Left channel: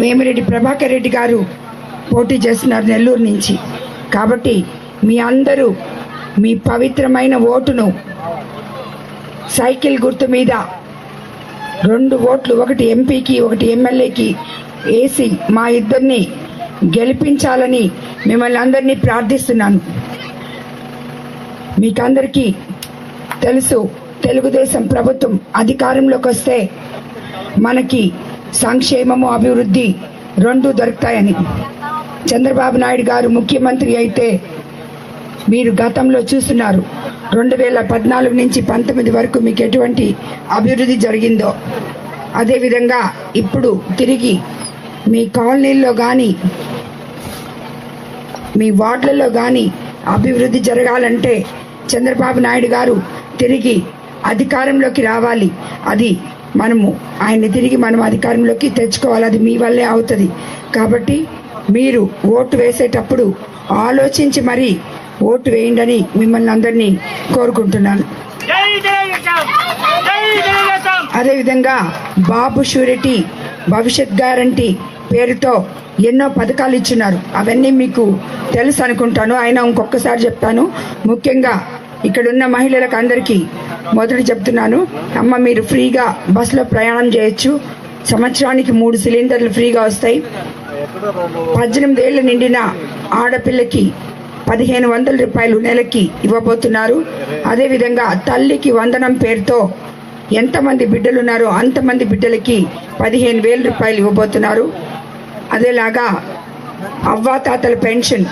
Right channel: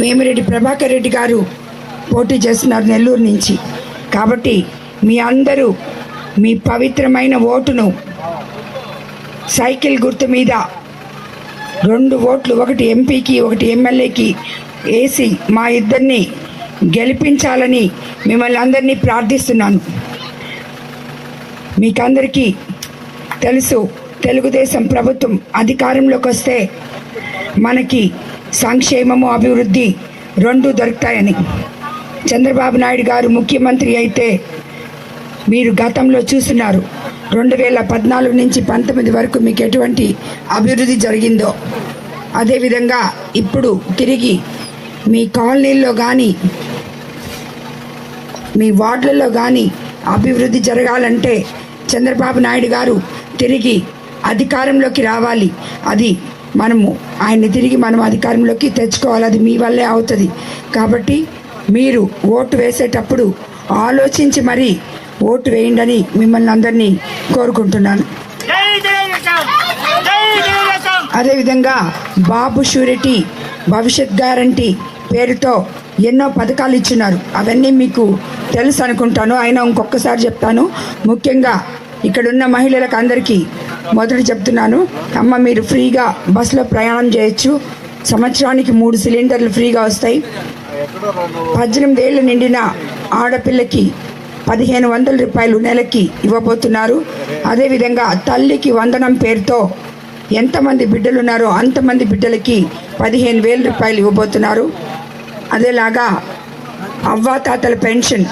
వేమిరెడ్డి ప్రభాకర్ రెడ్డి గారు పోటీ చేస్తున్నారు నెల్లూరు నుంచి. కాబట్టి మీ అందరూ మీ పవిత్రమైన ఓటును సైకిల్ గుర్తు మీద రెండు ఓట్లు ఒకటి ఎంపీకి ఒకటి ఎమ్మెల్యేకి వేసి మా ఇద్దరిని గెలిపించాలని మిమ్మల్ని అందరినీ ప్రార్థిస్తున్నాను. మీకందరికీ తెలుసు తెలుగుదేశం ప్రభుత్వం అధికారంలోకి వస్తే మనకి సంక్షేమము అభివృద్ధి రెండు దొరుకుతాయని. చంద్రబాబు నాయుడు గారు ముఖ్యమంత్రి అయితే మీరు గతంలో చూస్తున్నారు. రెండు వేల పద్నాలుగు నుంచి పంతొమ్మిది వరకు మీకు ఎటువంటి అభివృద్ధి జరిగిందో. అదేవిధంగా ఇప్పుడు తిరిగి మీ కాలనీల్లో కానీ మీ వార్డులలో కానీ అభివృద్ధి జరగాలంటే చంద్రబాబు నాయుడు గారు తిరిగి అధికారంలోకి రావాలి. అది మనము ఆయన్ని తిరిగి మనం అధికారంలోకి తెచ్చుకోవాలి. అది మీ వల్లే అవుతుంది. కాబట్టి మీరు ఓటు వేసేటప్పుడు ఆలోచించి మరీ ఓటు వేయండి మిమ్మల్ని అందరినీ కోరుకుంటున్నాను. అదేవిధంగా బాబు షూరిటీ భవిష్యత్ గ్యారంటీ పేరుతో ఎన్నో పథకాలు ఇచ్చినారు అవన్నీ మీకు తెలుసు అనుకుంటాను. అయినా ఇంకొకసారి చెప్తాను. ముఖ్యంగా ఇక్కడున్న మహిళలకు అందరికీ మొదటి చెప్తున్నాను అమ్మ మీరు ఫ్రీగా బస్సులో ప్రయాణం చేయొచ్చు. సంవత్సరానికి మూడు సిలిండర్లు ఫ్రీగా వస్తాయి. పద్దెనిమిది ఏళ్ళు నిండిన ఆడపిల్లకి పదిహేను వందల రూపాయలు నెలకి ఇవ్వబోతున్నారు. అదేవిధంగా తల్లికి వందనం పేరుతో ఎంతమంది బిడ్డలు ఉన్నారో అంతమంది బిడ్డలకి పదిహేను వేల రూపాయలు ఇవ్వబోతున్నారు. అదేలాగా అవ్వాతాతల పెన్షన్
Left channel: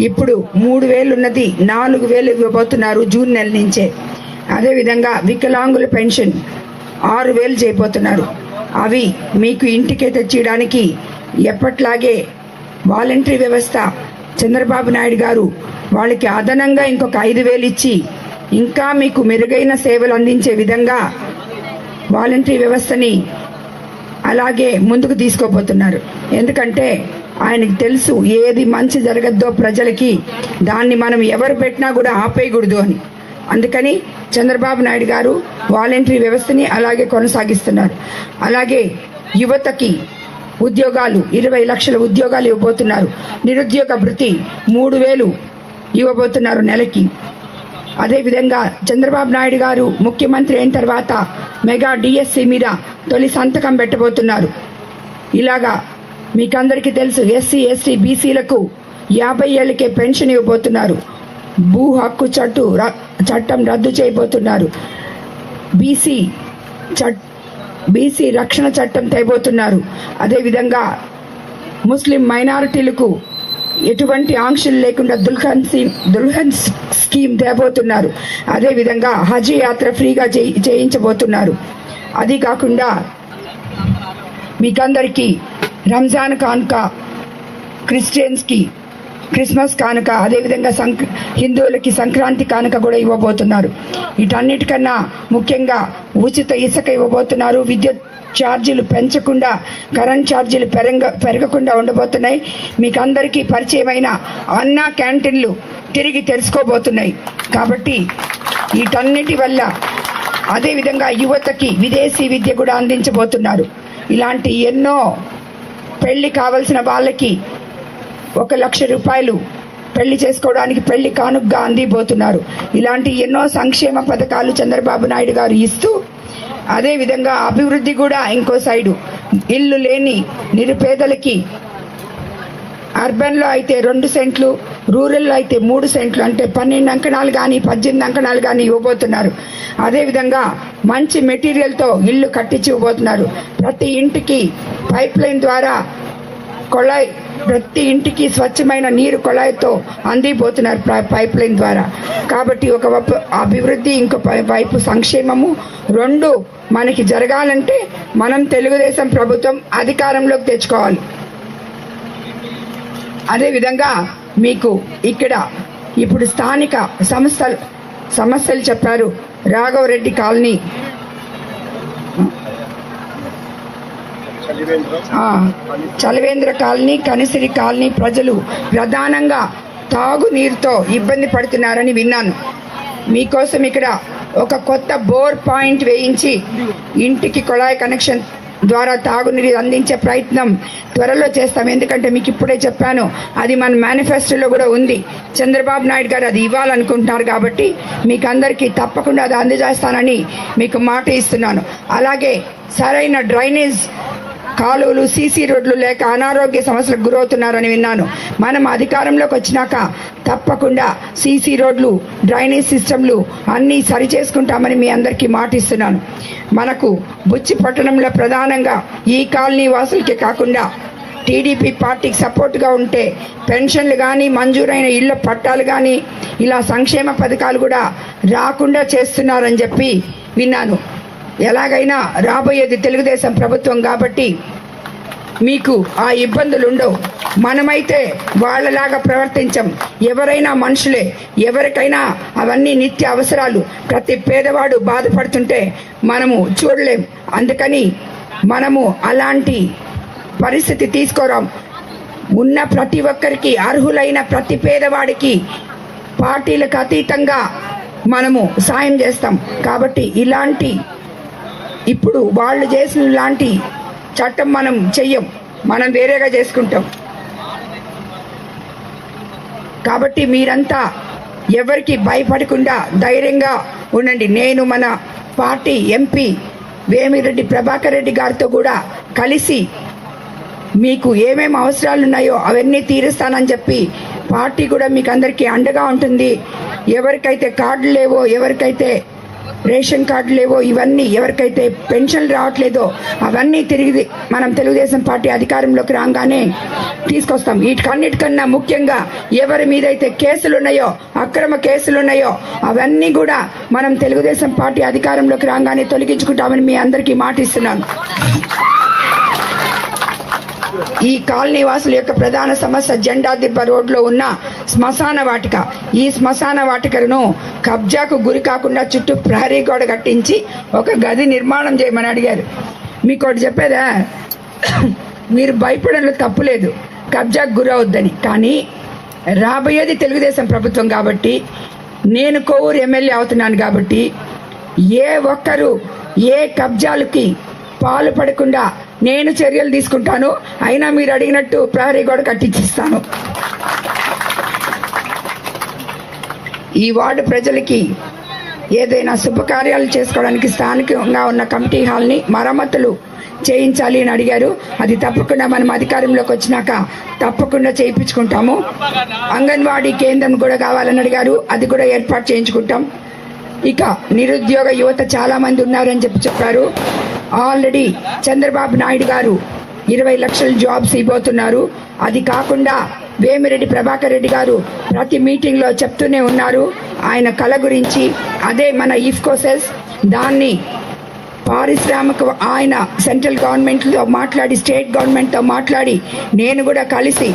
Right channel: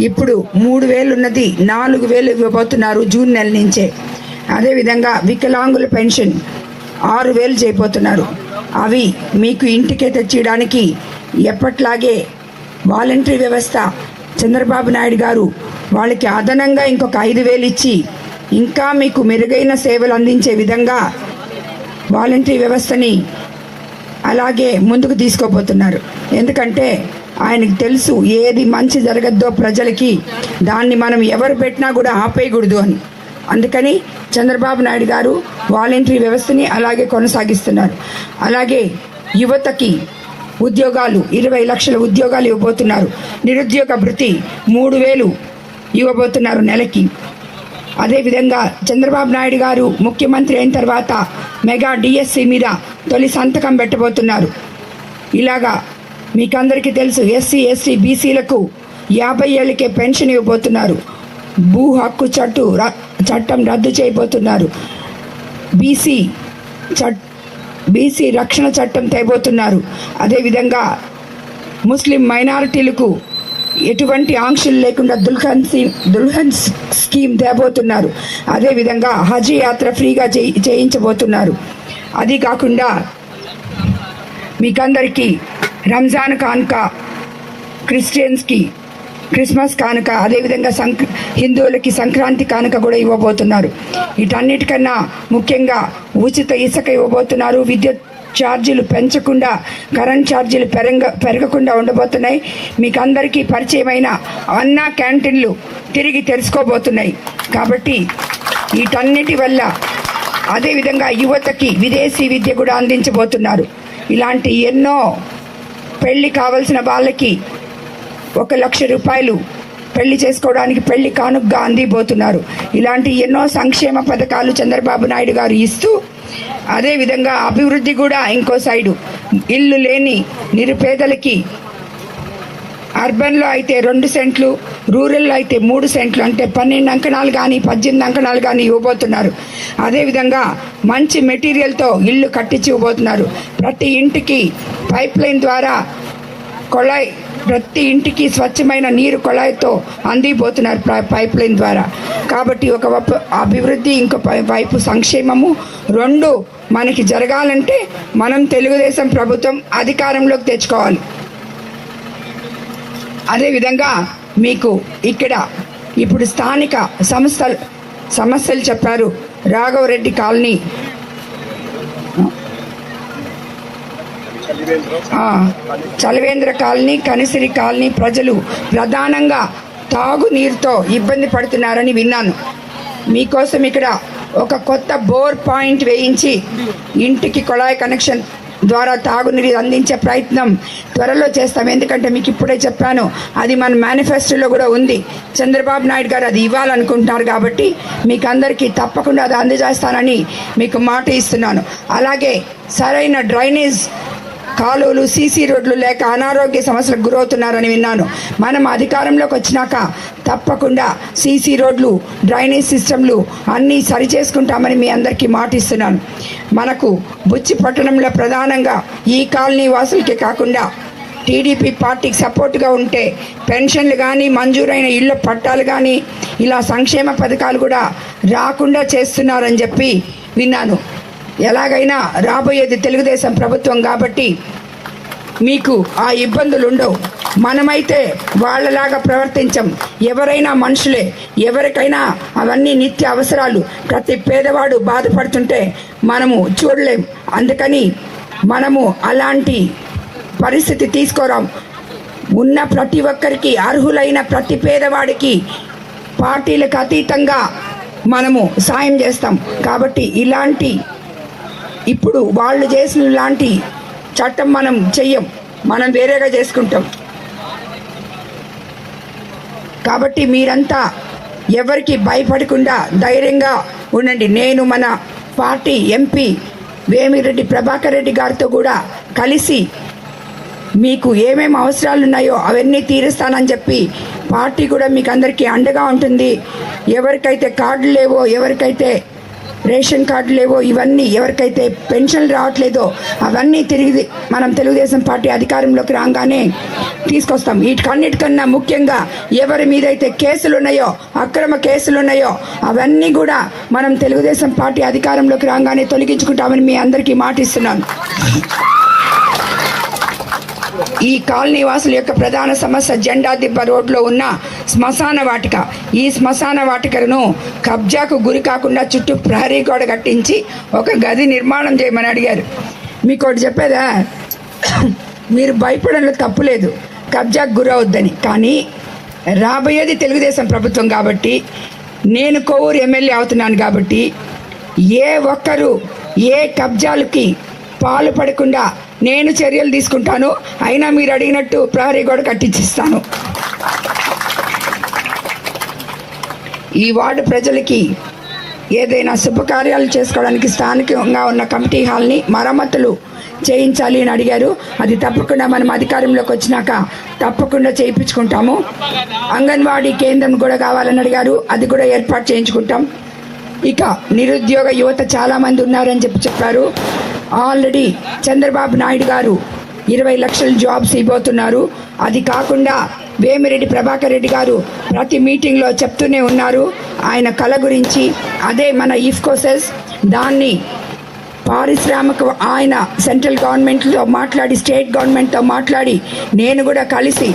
ఇప్పుడు మూడు వేలు ఉన్నది నాలుగు వేలు ఇవ్వబోతున్నారు జూన్ నెల నుంచే. అదేవిధంగా వికలాంగుల పెన్షన్ ఆరు వేలు చేయబోతున్నారు. అవి మీకు ఇంటికే తెచ్చియడానికి ఎప్పట్లాగే వాలంటరీ వ్యవస్థ చంద్రబాబు నాయుడు గారు వాళ్ళకి అదనంగా ఇంకొక ఐదు వేలు ఇచ్చి ఇంకా మీకు మెరుగైన సేవలు అందించే విధంగా వాలంటరీ వ్యవస్థని అలాగే ముందుకు తీసుకోబోతున్నారు. ఎందుకంటే ఆయనకు తెలుసు ఏది మంచి జరగద్దో ప్రజలకి దాన్ని మనం ఎవరు పెట్టినా కూడా ఆపేయకూడదు అని. అందుకని చంద్రబాబు నాయుడు గారు వాలంటరీ వ్యవస్థని అలాగే కొనసాగిస్తున్నారు. అలాగే యువతకి ఉద్యోగాలు ఇరవై లక్షల ఉద్యోగాలు ఇవ్వబోతున్నారు. నిరుద్యోగ భృతి మూడు వేలు ఇవ్వబోతున్నారు నెలకి. అదేవిధంగా చంద్రబాబు నాయుడు గారు ముఖ్యమంత్రి అయిన తర్వాత మెగా డిఎస్సి మీద తొలి సంతకం పెట్టబోతున్నారు. ఇలాగా మీకందరికీ తెలుసు ఎస్సీ ఎస్టీ బీసీలకు యాభై ఏళ్ళకే పెన్షన్ ఇవ్వబోతున్నారు. భూ హక్కు చట్టు ర- చట్టం రద్దు చేయబోతున్నారు. బీసీ చట్ బీసీ రక్షణ చట్టం తేబోతున్నారు. అదేవిధంగా ముస్లిం మైనారిటీలకు ఎటువంటి ఆంక్షలు లేకుండా దుల్హన్ సీ- దుల్హన్ స్కీమ్ తేబోతున్నారు. అదేవిధంగా హజ్ యాత్ర ఫ్రీగా చేయి- చేయించబోతున్నారు. అది కాకుండా మీకందరికీ రంజాన్ కానుక క్రిస్టియన్స్కి క్రిస్మస్ కానుక అదేవిధంగా సంక్ హిందువులకి సంక్రాంతి కానుక కూడా ఇవ్వబోతున్నారు. వీటన్నిటికన్నా ముఖ్యంగా ఉచిత ఇసుక ఇవ్వబోతున్నారు. విద్యుత్ ఛార్జీలు పెంచకుండా కరెంట్ ఛార్జీలు పెరగ పెరగకుండా ఉండబోతున్నాయి. మీకు అందరికీ పరిచయమైన అన్నా క్యాంటీన్లు తిరిగి తెరుచుకోబోతున్నాయి. కాబట్టి వీటన్నిటి వల్ల అదేవిధంగా యువతకి విదేశీ విద్య కూడా అందించబోతున్నారు. ఇలాంటి ఎన్నో పెళ్ళి కావలసిన వాళ్ళకి ఒక లక్ష రూపాయలు పెళ్ళి చేసుకోవడానికి పెళ్ళి కానుగ్గా అందిపోతున్నారు ఇలాంటి ఎన్నో సంక్షేమ పథకాలు చంద్రబాబు నాయుడు గారు ఇస్తూ అదేవిధంగా అభివృద్ధి కూడా ఇంకో సైడు. ఇల్లు లేని నిరుపేదలకి అర్బన్లో అయితే రెండు సెంట్లు రూరల్లో అయితే మూడు సెంట్లు అంటే పన్నెండు అంకణాలు కానీ పద్దెనిమిది అంకణాలు కానీ ఇవ్వబోతున్నారు. అదేవిధంగా మంచి మెటీరియల్తో ఇల్లు కట్టించి ఇవ్వబోతున్నారు. ప్రతి ఇంటికి పైప్ లైన్ ద్వారా కొళాయి ప్రతి ఇంటికి స్వచ్ఛమైన నీరు కొళాయితో అందిపోతున్నారు పైప్ లైన్ ద్వారా. కాబట్టి ఒక వైపు అభివృద్ధి ఇంకో వైపు సంక్షేమము. రెండు మనకి జరగాలంటే మనం తెలుగుదేశం ప్రభుత్వం అధికారంలోకి తెచ్చుకోవాలి. అదేవిధంగా మీకు ఇక్కడ ఇప్పుడు స్థానిక సంస్థలు సమస్యలు చెప్పారు. Raghavareddy colony. Chalavendra colony Kanisiri colony ప్రజలు ప్రధానంగా తాగునీరుతో ఇబ్బంది పడుతున్నారని విన్నాను. మీకోసం ఇక్కడ ఒక కొత్త బోర్ పాయింట్ వేయించి ఇంటికి కొళాయి కనెక్షన్ ద్వారా తాగునీరు అందించే ప్రయత్నం త్వరలో చేస్తాం. ఎందుకంటే మీకు ఇప్పుడే చెప్పాను అది మన మేనిఫెస్టోలో కూడా ఉంది. చంద్రబాబు నాయుడు గారు అది ఇవ్వాలనుకుంటున్నారు కాబట్టి మీకు అందరికీ తప్పకుండా అది అందజేస్తానని మీకు మాట ఇస్తున్నాను. అలాగే సరైన డ్రైనేజ్ కాలువలు సీసీ రోడ్లు లేక అనారోగ్య సమస్యలకు గురవుతున్నారని విన్నాను. మనం అధికారంలోకి వచ్చినాక తప్పకుండా సీసీ రోడ్లు డ్రైనేజ్ సిస్టమ్లు అన్నీ సరి చేసుకుంటామని మీ అందరికీ మాటిస్తున్నాను. మనకు బుచ్చి పట్టణంలో ప్రధానంగా ఈ కాలనీ వాసులకే కాకుండా టీడీపీ పార్టీకి సపోర్ట్గా ఉంటే పెన్షన్లు కానీ మంజూరైన ఇళ్ళ పట్టాలు కానీ ఇలా సంక్షేమ పథకాలు కూడా రాకుండా చేస్తున్నారని చెప్పి విన్నాను. ఎలాగైనా రాబోయేది తెలుగుదేశం ప్రభుత్వం కాబట్టి మీకు ఆ ఇబ్బందులు ఉండవు మనమైతే వాళ్ళలాగా ప్రవర్తించం. ఎవరైనా మనుషులే ఎవరికైనా అవన్నీ నిత్య అవసరాలు. ప్రతి పేదవాడు బాధపడుతుంటే మనము చూడలేం. అందుకని మనము అలాంటి పరిస్థితి తీసుకోరాం. ఉన్న ప్రతి ఒక్కరికి అర్హులైన ప్రతి పేదవాడికి పార్టీలకు అతీతంగా మనము సాయం చేస్తాం. కాబట్టి ఇలాంటి ఇప్పుడు వాళ్ళు చేసిన లాంటి చట్టం మనం చెయ్యం. మనం వేరేగా చేసుకుంటాం. కాబట్టి మీరంతా ఎవరికి భయపడకుండా ధైర్యంగా ఉండండి. నేను మన పార్టీ ఎంపీ వేమిరెడ్డి ప్రభాకర్ రెడ్డి గారితో కూడా కలిసి మీకు ఏమేమి అవసరాలు ఉన్నాయో అవన్నీ తీరుస్తానని చెప్పి పార్టీ కూడా మీకు అందరికీ అండగా ఉంటుంది. ఎవరికైతే కార్డులు లేవో ఎవరికైతే రేషన్ కార్డు లేవో ఇవన్నీ ఎవరికైతే పెన్షన్లు రావట్లేదో అవన్నీ తిరిగి మనం తెలుగుదేశం పార్టీ అధికారంలోకి రాగానే తీసుకొస్తాం. వీటికన్నిటికన్నా ముఖ్యంగా ఎవరి మీదైతే కేసులు ఉన్నాయో అక్రమ కేసులు ఉన్నాయో అవన్నీ కూడా మనం తెలుగుదేశం పార్టీ అధికారంలోకి రాగానే తొలగించుకుంటామని మీ అందరికీ మాటిస్తున్నాను. ఈ కాలనీ వాసుల యొక్క ప్రధాన సమస్య జెండాదిబ్బ రోడ్లో ఉన్న శ్మశాన వాటిక. ఈ శ్మశాన వాటికను కబ్జాకు గురి కాకుండా చుట్టూ ప్రహరీ గోడ కట్టించి ఒక గది నిర్మాణం చేయమని అడిగారు. మీకు ఒకటి చెప్పేదా? మీరు భయపడంలో తప్పులేదు కబ్జాకు గురవద్దని. కానీ రాబోయేది తెలుగుదేశం ప్రభుత్వం కాబట్టి నేను కోవూరు ఎమ్మెల్యే అవుతున్నాను కాబట్టి ఏ ఒక్కరు ఏ కబ్జాలకి పాలు పడకుండా నేను చర్యలు తీసుకుంటాను. అయినా మీరు అడిగినట్టు ప్రహరీ గోడ కట్టించిస్తాను. ఈ వార్డు ప్రజలకి ఏదైనా శుభకార్యాలు చేసుకోవడానికి స్థానికంగా ఉన్న కమిటీ హాల్ని మరమ్మతులు చేయించాలి అని అడిగారు. అది తప్పకుండా మనం అధికారంలోకి వచ్చినాక తప్పకుండా చేయించుకుంటాము. అంగన్వాడీ కేంద్రం కూడా కావాలని అడిగారు. అది కూడా ఏర్పాటు చేయించుకుంటాం. ఇక నిరుద్యోగ యువత చాలామంది ఉన్నారని చెప్పి చెప్పారు. ఆల్రెడీ చంద్రబాబు నాయుడు గారు ఇరవై లక్షల జాబ్స్ ఇవ్వబోతున్నారు అది కాకుండా వేమిరెడ్డి ప్రభాకర్ రెడ్డి గారు ప్రతి మీటింగ్లో చెప్తూనే ఉన్నారు. ఆయన కళ గురించి అదే మన ఇఫ్కోసెస్ దాన్ని పారిశ్రామిక ఆయన సెంట్రల్ గవర్నమెంట్తో మాట్లాడి స్టేట్ గవర్నమెంట్తో మాట్లాడి నేను కూడా కలిసి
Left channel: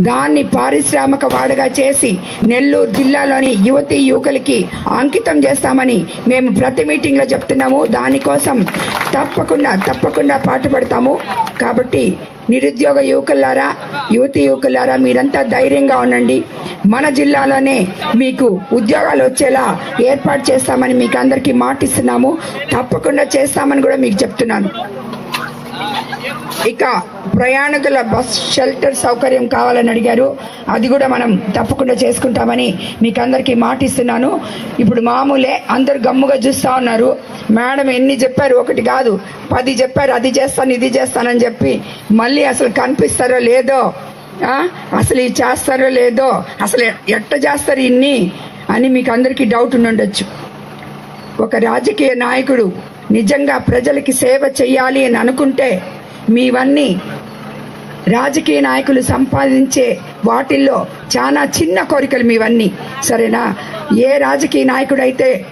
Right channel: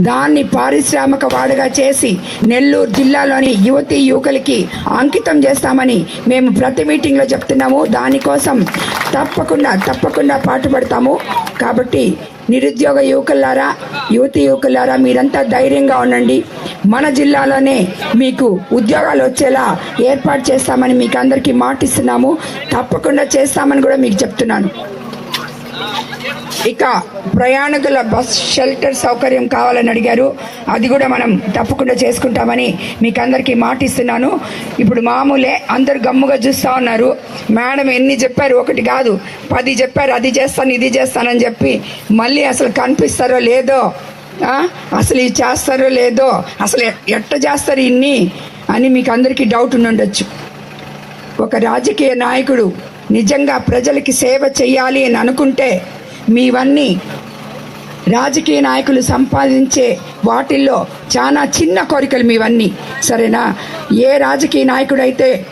దాన్ని పారిశ్రామిక వాడుగా చేసి నెల్లూరు జిల్లాలోని యువతి యువకులకి అంకితం చేస్తామని మేము ప్రతి మీటింగ్లో చెప్తున్నాము. దానికోసం తప్పకుండా తప్పకుండా పాటుపడతాము. కాబట్టి నిరుద్యోగ యువకులారా యువతి యువకులారా మీరంతా ధైర్యంగా ఉండండి. మన జిల్లాలోనే మీకు ఉద్యోగాలు వచ్చేలా ఏర్పాటు చేస్తామని మీకు అందరికీ మాటిస్తున్నాము. తప్పకుండా చేస్తామని కూడా మీకు చెప్తున్నాను. ఇక ప్రయాణికుల బస్ షెల్టర్ సౌకర్యం కావాలని అడిగారు. అది కూడా మనం తప్పకుండా చేసుకుంటామని మీకు అందరికీ మాటిస్తున్నాను. ఇప్పుడు మామూలే అందరు గమ్ముగా చూస్తూ ఉన్నారు. మేడం ఎన్ని చెప్పారు? ఒకటి కాదు. పది చెప్పారు. అది చేస్తాను ఇది చేస్తానని చెప్పి మళ్ళీ అసలు కనిపిస్తారో లేదో అసలు ఇది చేస్తారో లేదో అసలు ఎట్ట చేస్తారు ఇన్ని అని మీకు అందరికీ డౌట్ ఉండుండొచ్చు ఒక రాజకీయ నాయకుడు నిజంగా ప్రజలకి సేవ చేయాలి అని అనుకుంటే మీవన్నీ రాజకీయ నాయకులు సంపాదించే వాటిల్లో చాలా చిన్న కోరికలు మీవన్నీ. సరేనా? ఏ రాజకీయ నాయకుడైతే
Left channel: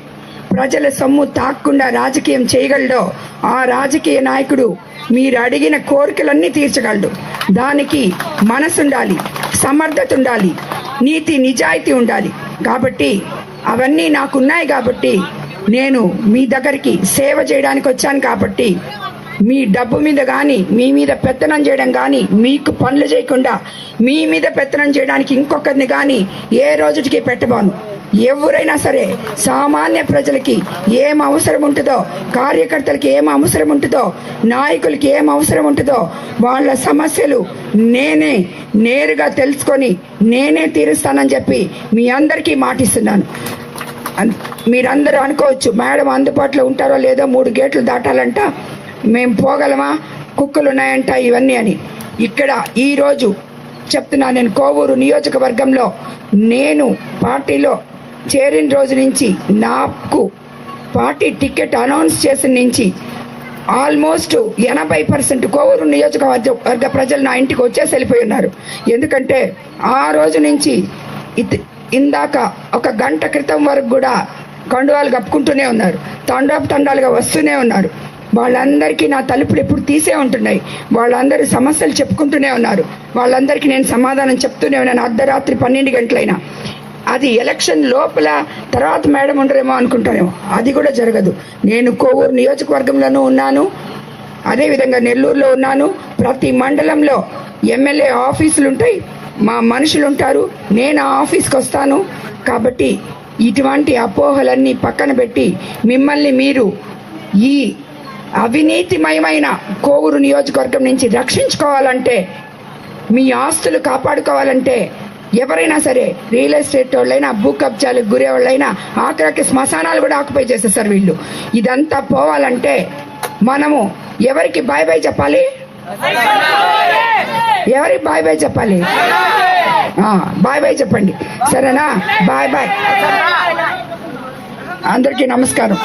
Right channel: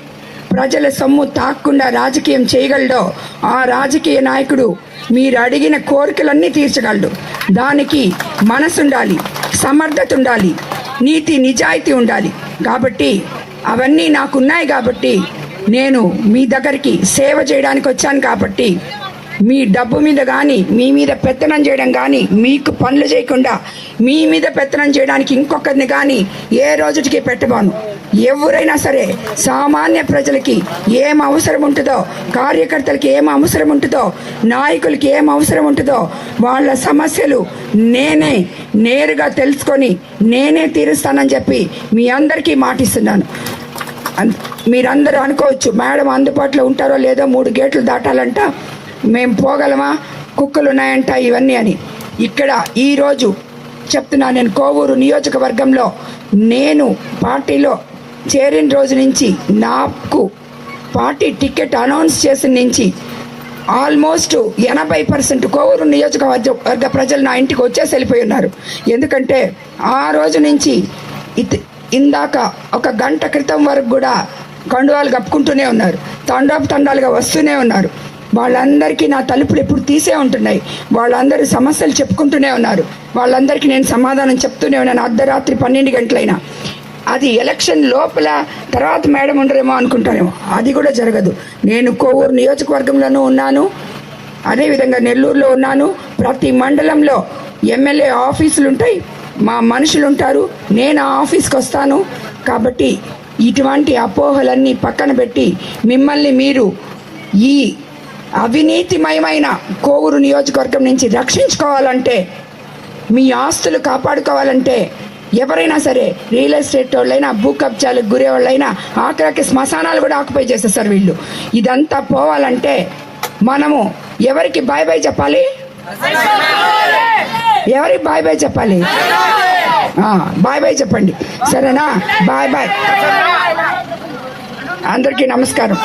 ప్రజల సొమ్ము తాక్కుండా రాజకీయం చేయగలడో ఆ రాజకీయ నాయకుడు మీరు అడిగిన కోరికలన్నీ తీర్చగలడు. దానికి మనసు ఉండాలి సమర్థత ఉండాలి నీతి నిజాయితీ ఉండాలి. కాబట్టి అవన్నీ నాకున్నాయి కాబట్టి నేను మీ దగ్గరికి సేవ చేయడానికి వచ్చాను కాబట్టి మీ డబ్బు మీద కానీ మీ మీద పెత్తనం చేయడం కానీ మీకు పనులు చేయకుండా మీ మీద పెత్తనం చేయడానికి ఇంకొకరిని కానీ ఏ రోజుకి పెట్టబాను. ఎవరైనా సరే సామాన్య ప్రజలకి ఏం అవసరం ఉంటుందో కార్యకర్తలకి ఏం అవసరం ఉంటుందో నాయకులకి ఏం అవసరం ఉంటుందో వాళ్ళ సమస్యలు నేనే నేరుగా తెలుసుకొని నేనే తీరుస్తానని చెప్పి మీ అందరికీ మాటిస్తున్నాను. మీరందరూ అనుకోవచ్చు మేడం అందుబాటులో ఉంటారో లేదో మూడు గేట్లు దాటాలంట. మేము పోగలమా? కుక్కలు ఉన్నాయంట ఇవన్నీ అని. ఇక్కడ ఈరోజు చెప్తున్నా నేను కోవూరు నియోజకవర్గంలో నేను పార్టీలో చేరిన రోజు నుంచి నాకు పార్టీ టికెట్ అనౌన్స్ చేసిన నుంచి ఆల్మోస్ట్ ఎనభై పర్సెంట్ కోవూరు నియోజకవర్గ వర్గ ప్రజలు నా ఇంటికి వచ్చేసి వెళ్ళిపోయి ఉన్నారు. ఎందుకంటే ఆ రోజు నుంచి ఇత్- ఇందాక ఒక గంట క్రితం వరకు కూడా కండువాలు కప్పుకుంటూనే ఉన్నారు. తండాపు తండాలుగా వస్తూనే ఉన్నారు. వాళ్ళందరికీ నా తలుపులు ఎప్పుడు తీసే ఉంటున్నాయి. వాళ్ళందరూ సమస్యలు చెప్పుకుంటూనే ఉన్నారు. వాళ్ళందరికీ నేను సమాధానం చెప్తూనే ఉన్నాను. అర్ధరాత్రి పన్నెండు గంటలైనా. అది ఎలక్షన్ లోపల తర్వాత మేడం ఉండరేమో అనుకుంటారేమో. అది కూడా జరగదు. నేను కోవూరు నియోజకవర్గంలోనూ ఉన్నాను. అదేవిధంగా నెల్లూరులో ఉన్నాను. ప్రతి మండలంలో ఎమ్మెల్యే ఆఫీసులు ఉంటాయి. మా మనుషులు ఉంటారు. నేను ఆ ఆఫీస్కి వస్తాను. కాబట్టి ఇటువంటి అపోహలన్నీ పక్కన పెట్టి మిమ్మల్ని మీరు ఈ అవినీతిమయమైన కోవూరు నియోజకవర్గం నుంచి రక్షించుకోవాలంటే మీ ఆస్తులు కాపాడుకోవాలంటే ఎవరైనా సరే రియల్ ఎస్టేట్ వాళ్ళైనా భూ కబ్జాలకు గురే వాళ్ళైనా ఆఖరికి శ్మశానాలు కూడా ఆక్యుపై చేసేస్తారు వీళ్ళు. ఇదంతా పోవాలంటే మనము ఎవరికి బాయ్ బాయ్ చెప్పాలి? ఎవరికి బాయ్ బాయ్ చెప్పాలి? బాయ్ బాయ్ చెప్పండి. సరేనా? Bye bye. అందరికీ నమస్కారం.